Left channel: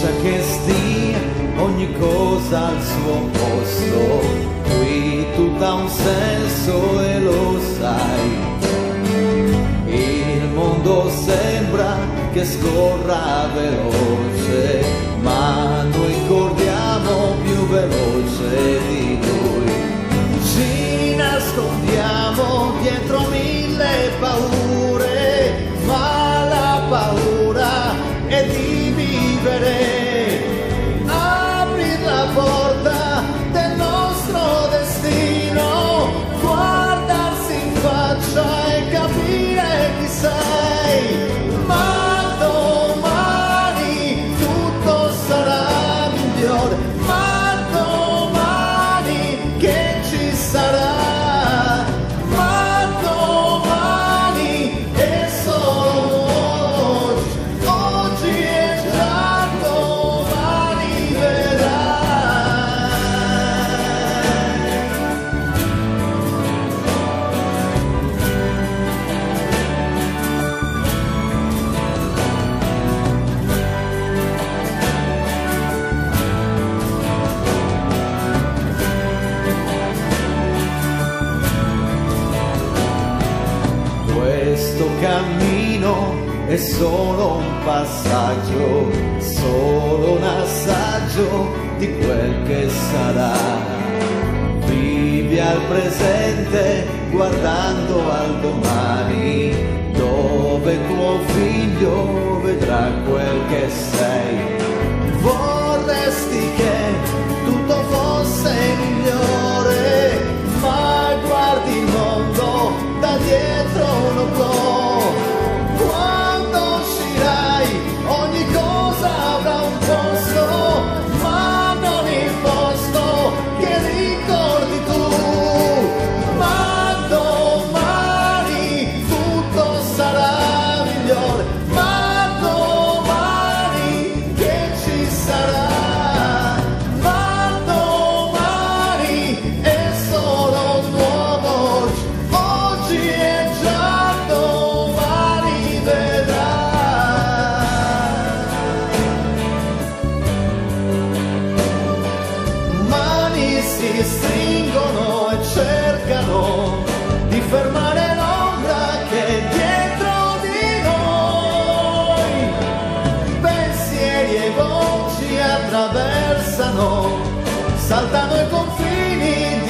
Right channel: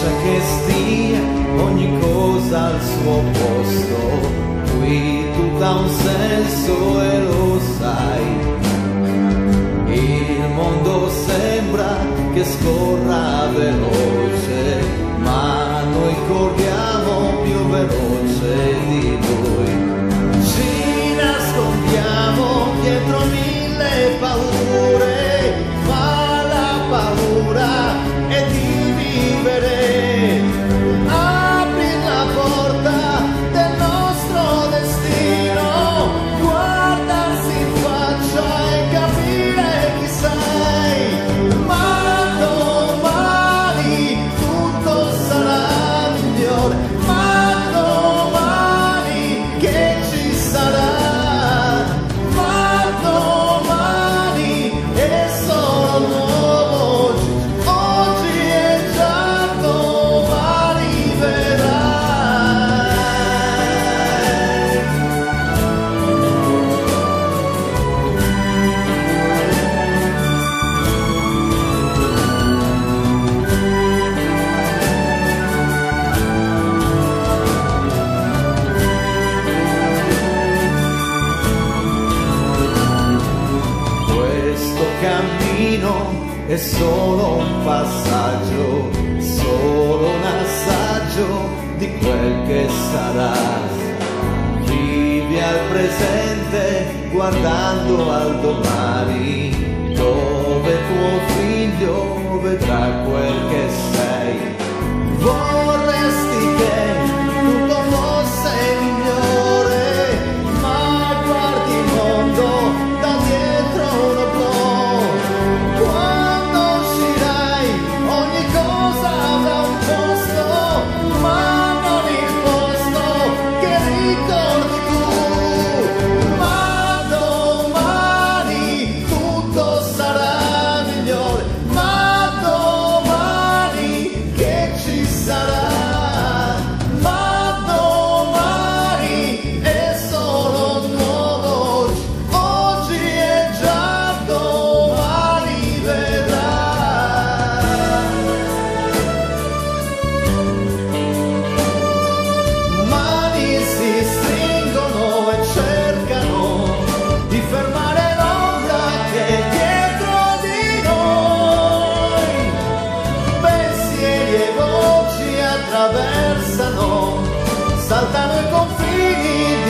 lascia che stia ogni cosa al suo posto, qui tutto ha un senso e lo sai. Il mondo sembra che scorra veloce, ma noi corriamo più veloce di lui. Ci nascondiamo dietro mille paure, ma la paura è di vivere. Apri la porta del nostro destino, guardarsi in faccia e capire chi sei. Ma domani tutto sarà migliore, ma domani che ci sarà, ma domani è solo nuovo oggi, oggi è già domani vedrai. Questo cammino è solo un passaggio, solo un assaggio di quel che sarà. Vivi al presente guardando al domani, dove tuo figlio vedrà quel che sei. Vorresti che tutto fosse migliore, ma guardi il mondo da dietro un oblò. Quando uscirai ogni cosa avrà un posto, ma non il posto che ricordi tu. Ma domani tutto sarà migliore, ma domani che ci sarà, ma domani è solo nuovo oggi, oggi è già domani vedrai. Mani si stringono e cercano di fermare l'ombra che è dietro di noi. Pensieri e voci attraversano, saltano i confini di